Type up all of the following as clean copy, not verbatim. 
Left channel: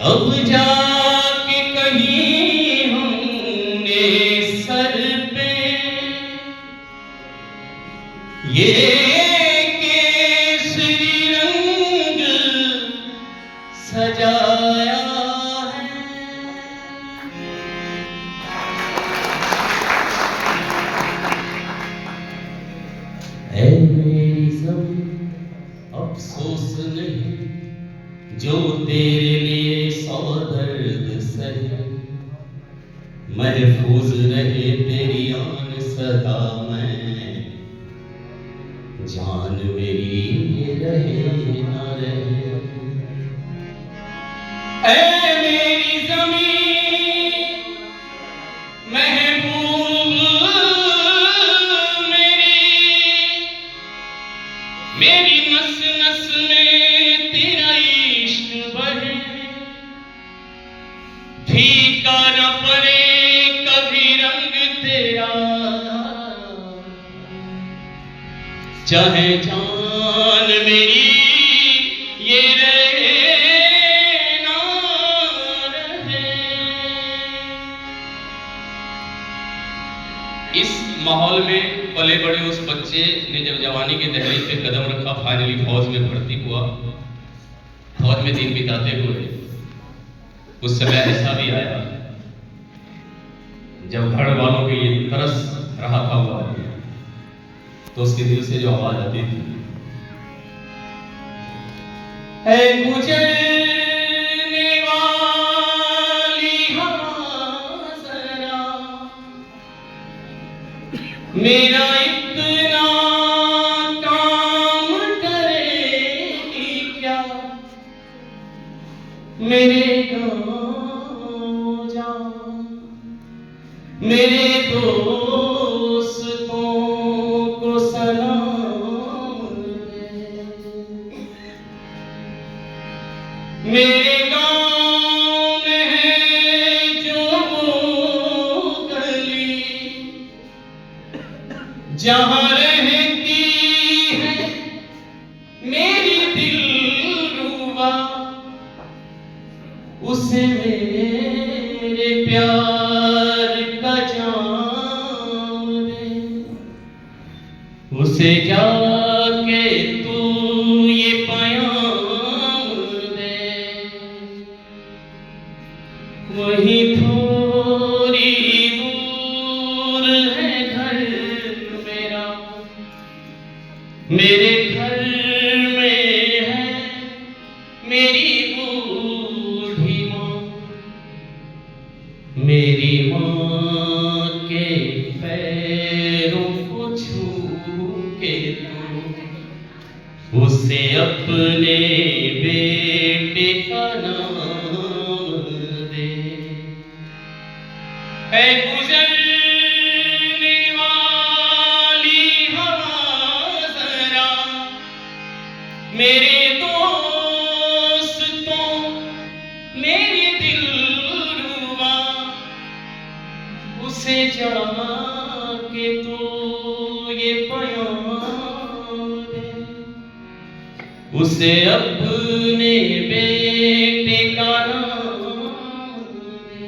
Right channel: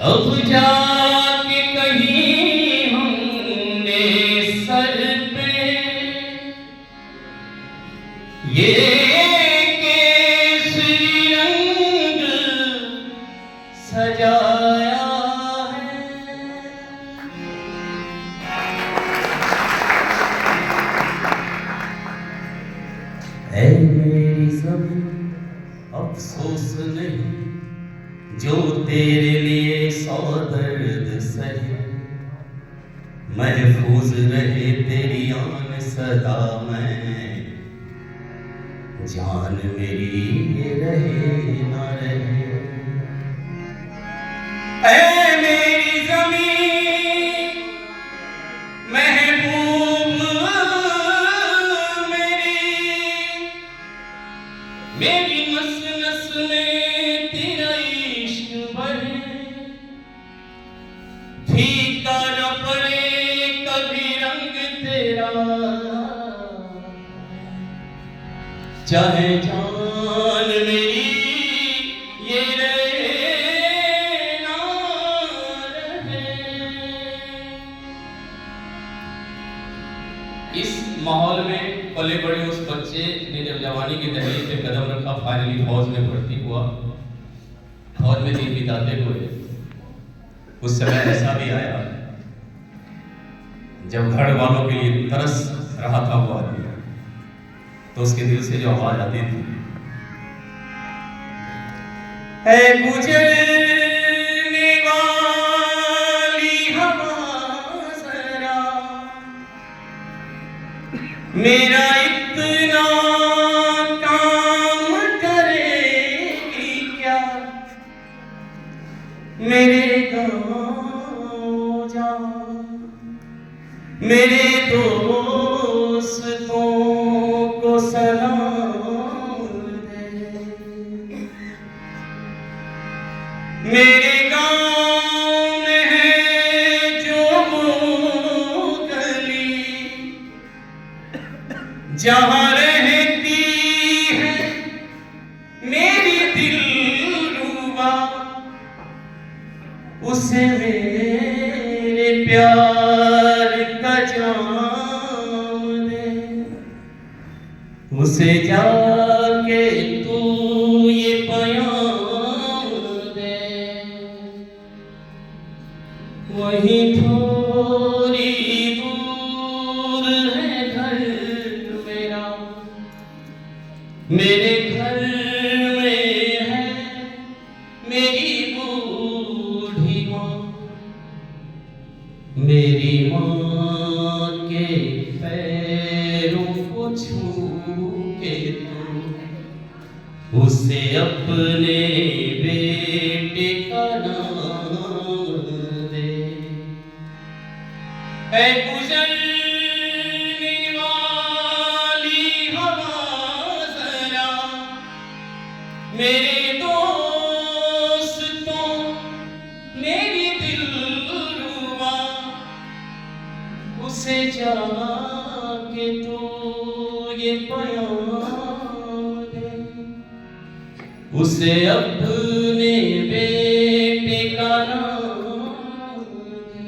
अब जाके कहीं हमने सर पे ये केसरी रंग सजाया है मेरी ज़मीं, अफसोस नहीं जो तेरे लिए सौ दर्द सहे, महफूज रहे तेरी आन सदा में, जान मेरी ये रहे ना रहे। ऐ मेरी ज़मीं महबूब मेरी नस नस में तेरा इश्क बहे, फीका न पड़े कभी रंग तेरा, चाहे जान मेरी ये रहे ना रहे। इस माहौल में पले बड़े उस बच्चे ने जब जवानी के दहलीज पे कदम रखा, फाइनली फौज में भर्ती हुआ, फौज में दिन बिताते हुए उस समय ऐसा भी आया जब घर वालों के लिए तरस रहा था वो आदमी, तो उसके दिल से जो आवाज आती थी, ऐ गुजरने वाली हवा जरा मेरा इतना काम करेगी क्या, मेरे गाँव जा मेरे दोस्तों को सलाम दे, मेरे गाँव में है जो वो गली जहाँ रहती है मेरी दिलरुबा, उसे मेरे प्यार का जाम दे, उसे जाके तू ये बयान दे, वहीं थोड़ी दूर है घर मेरा, मेरे घर में है मेरी बूढ़ी माँ, मेरी माँ के पैरों को छू के तू उसे अपने बेटे का नाम दे। ऐ गुजरने वाली हवा जरा मेरे दोस्तों मेरी दिलरुबा, उसे जाके तू ये बयान दे, उसे अपने बेटे का नाम दे।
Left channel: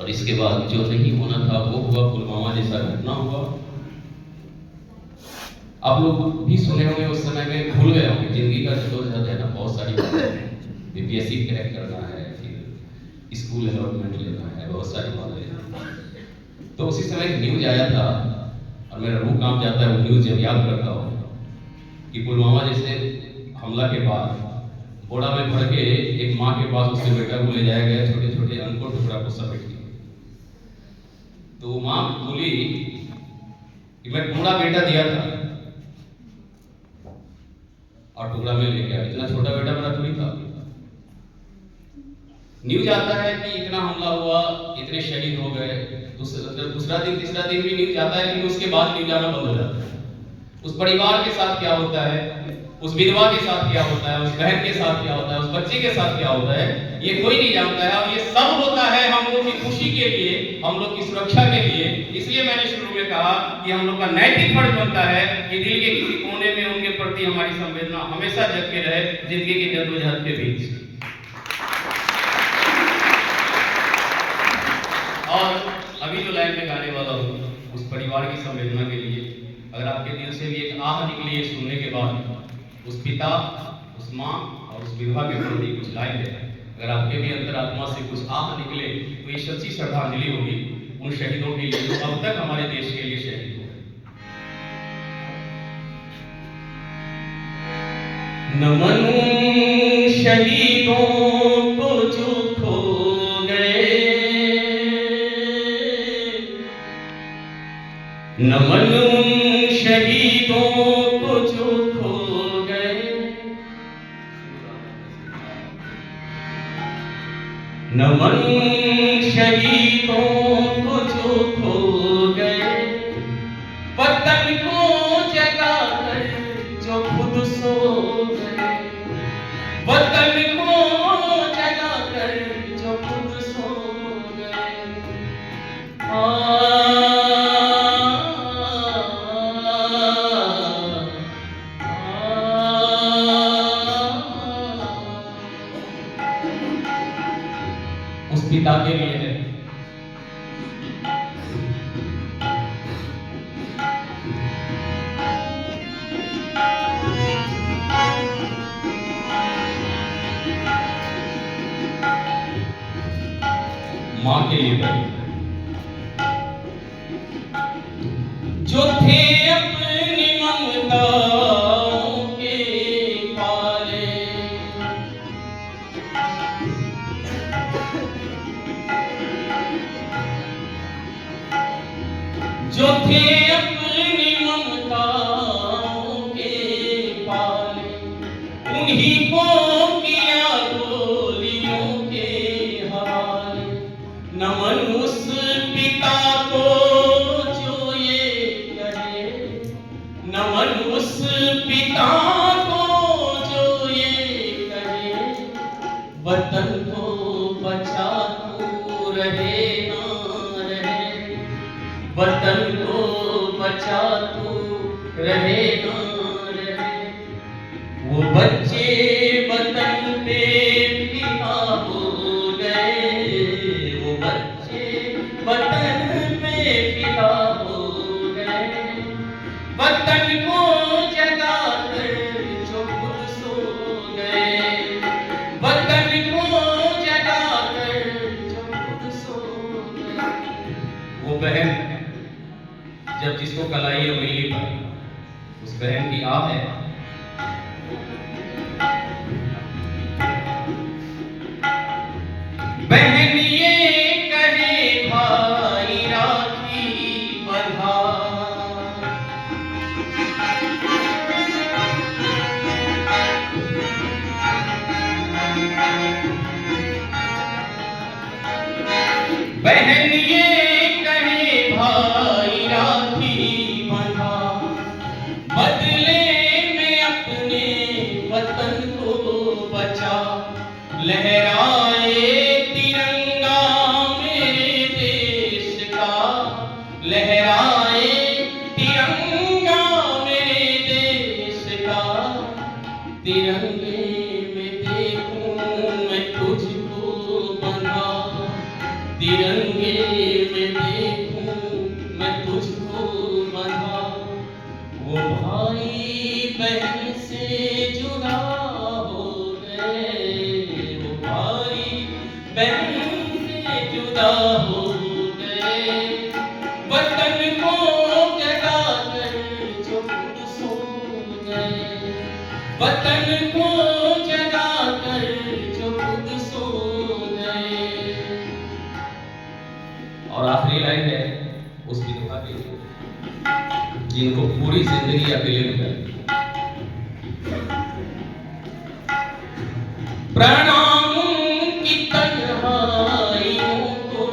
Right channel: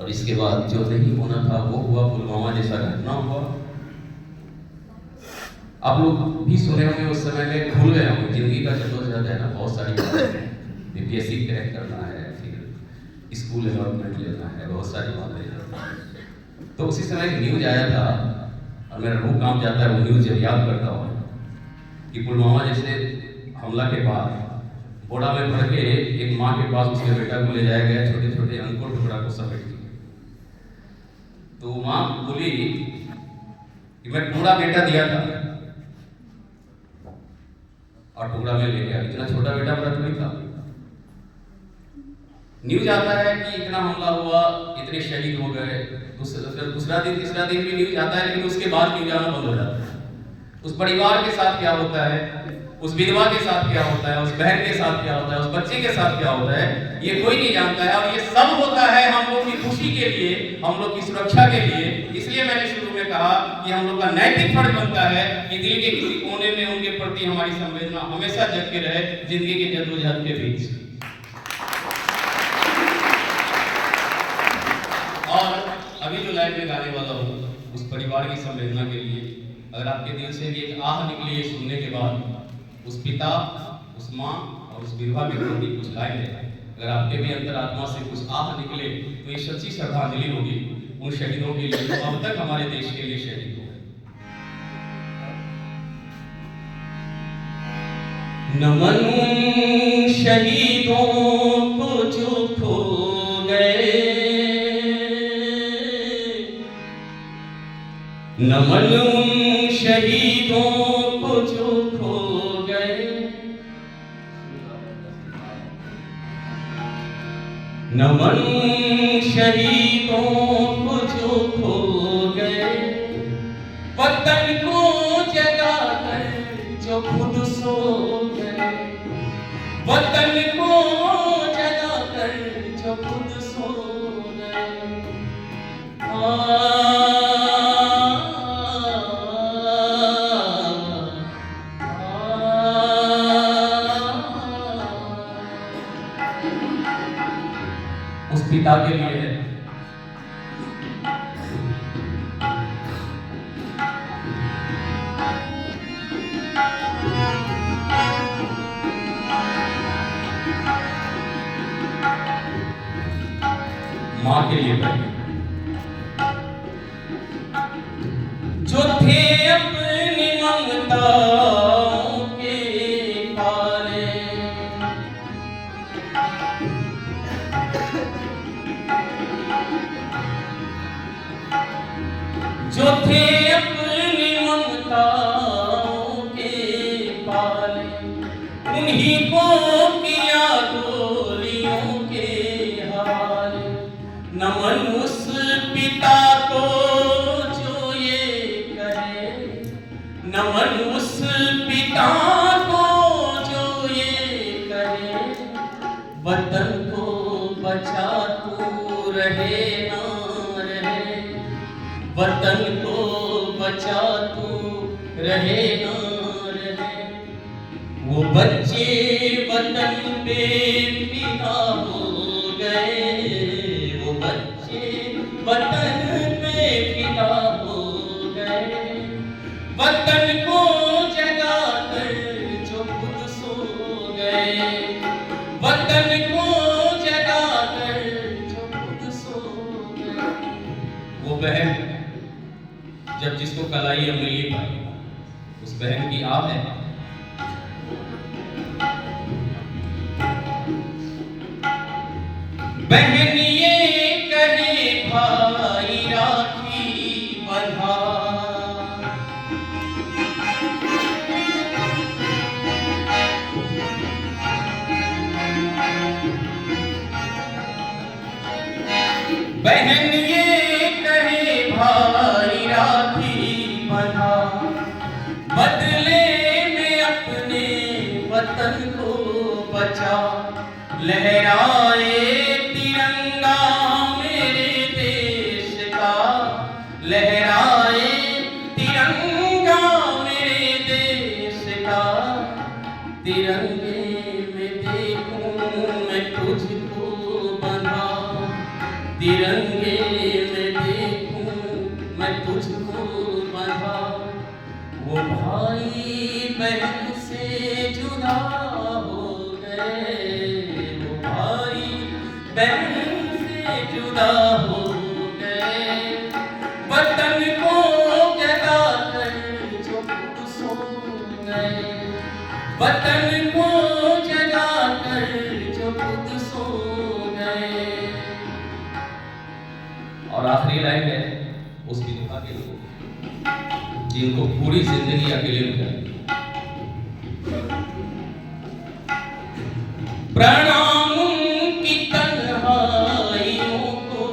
और इसके बाद जो नहीं होना था वो हुआ, पुलवामा जैसा घटना हुआ। आप लोग भी सुने होंगे, उस समय में भूल गए होंगे, जिंदगी का जदोजहद है ना, बहुत सारी बातें, बीपीएससी क्रैक करना है, फिर स्कूल अलॉटमेंट लेना है, बहुत सारी बातें। तो उसी समय एक न्यूज आया था और मेरा रूह कांप जाता है वो न्यूज जब याद करता हूँ कि पुलवामा जैसे हमला के बाद बोड़ा में भर के एक माँ के पास उसके बेटा को ले जाया गया, छोटे छोटे अंकों टुकड़ा को समेट के। तो माँ बोली कि मैं पूरा बेटा दिया था और टुकड़ा में ले गया, इतना छोटा बेटा मेरा थोड़ी था। न्यूज आता है कि इतना हमला हुआ, इतने शहीद हो गए, दूसरा दिन तीसरा दिन भी न्यूज आता है, लेकिन उसके बाद न्यूज आना बंद हो जाता है। उस परिवार के साथ क्या होता है, उस विधवा के साथ क्या होता है, उस बहन के साथ क्या होता है, उस बच्चे के साथ क्या होता है, ये कोई नहीं जानता है। और ये सब होता है हम लोग की खुशी के लिए, हम लोग की सुरक्षा के लिए। इसलिए मैंने शुरू में कहा कि हम लोग का नैतिक फर्ज बनता है कि दिल के किसी कोने में उनके प्रति प्रति हमारी संवेदना हमेशा जग के रहे जिंदगी की जद्दोजहद के बीच। और अभी जो लाइन में गाने वाला हूँ उस परिवार की संवेदना के लिए, अगर आपके दिल से भी एक आह निकली है सुनने के बाद, उस पिता, उस माँ और उस विधवा के प्रति कुछ लाइन है, अगर आपके भी अंतरात्मा से कुछ आह निकले तो ये सच्ची श्रद्धांजलि होगी उन शहीदों के लिए जो अब तक हमारे देश के लिए शहीद हुए। नमन शहीदों को जो खो गए, नमन शहीदों को जो खो गए, नमन शहीदों को जो खो गए, वतन को जगा कर जो खुद सो गए, वतन को जगा कर जो खुद सो गए। उस पिता के लिए है। मां के लिए भाई जो थे अपनी ममताओं के पाले, जो थे अपनी ममताओं के पाले, उन्हीं को किया गोलियों के हवाले। नमन उस पिता को जो ये करे, नमन उस पिता को जो ये करे, वतन को बचा तू रहे ना रहे, वतन को बचा तू रहे ना रहे। वो बच्चे वतन पे फिदा हो गए, वो बच्चे वतन पे फिदा हो गए, वतन को जगा कर जो खुद सो गए, वतन को जगा कर जो खुद सो गए। वो बहन जब जिसको कलाई या मिली पाई, उस बहन की आह है। बहन ये कहे भाई राखी बंधा, बहन ये कहे भाई राखी बंधा, बदले में अपने वतन को बचा। लहराए तिरंगा मेरे देश का, लहराए तिरंगा मेरे देश का, तिरंगे में देखूं मैं तुझको बंधा, तिरंगे में देखूं मैं तुझको बंधा। वो भाई बहन से जुदा हो गए, वो भाई बहन से जुदा हो गए, वतन को जगा कर जो खुद सो गए, वतन को जगा कर जो खुद सो गए। और आखिरी लाइन है उस विधवा के लिए जिनको पूरी जिंदगी अकेले गुजारी। प्रणाम की तन्हाइयों को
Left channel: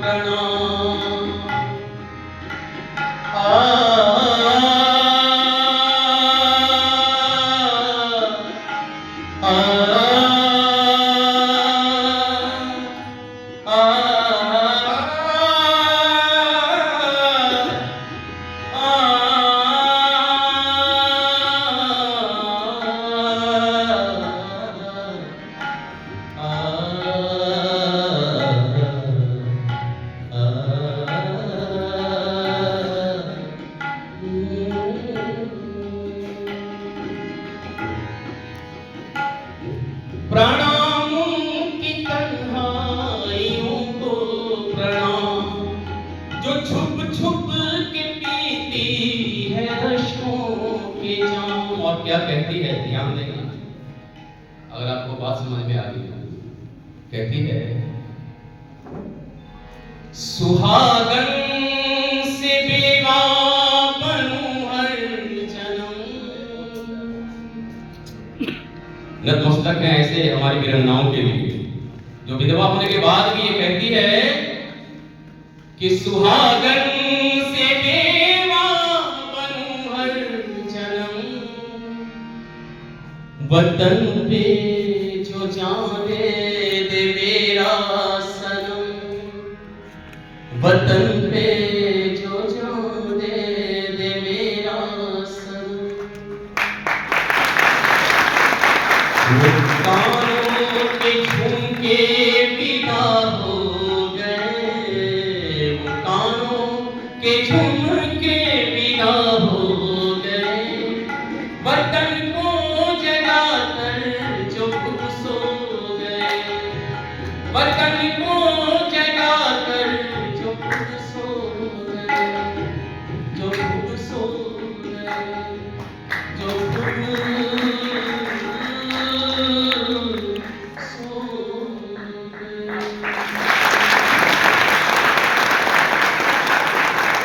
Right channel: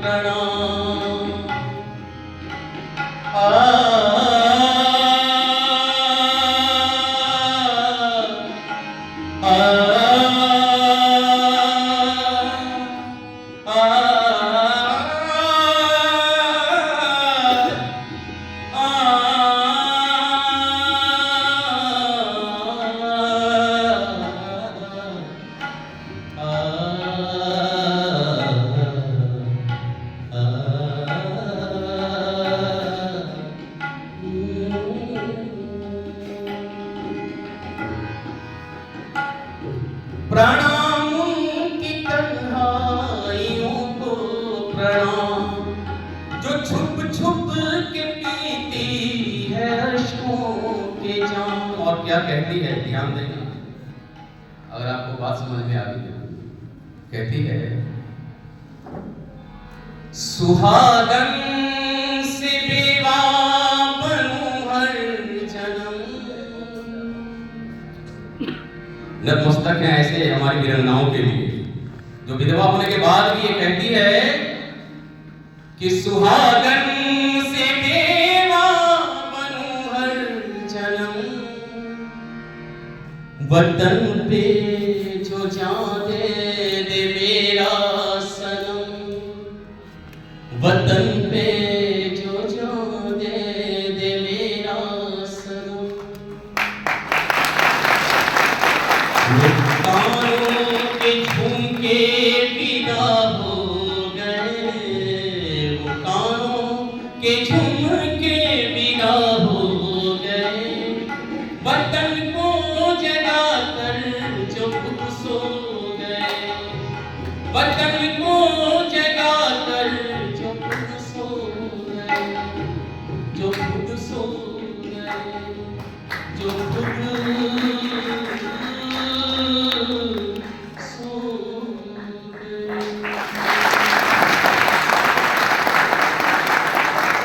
प्रणाम, और क्या कहती है, ध्यान देना अगर आपको बात समझ में आ गई हो। कहती है, सुहागन से बेवा बनूं हर जन्म। नतमस्तक है ऐसे हमारी वीरन्नाओं के लिए जो विधवा होने के बाद भी ये कहती है कि सुहागन से बेवा बनूं हर जन्म, वतन पे जो जान दे मेरा सनम, वतन पे जो जान दे मेरा सनम।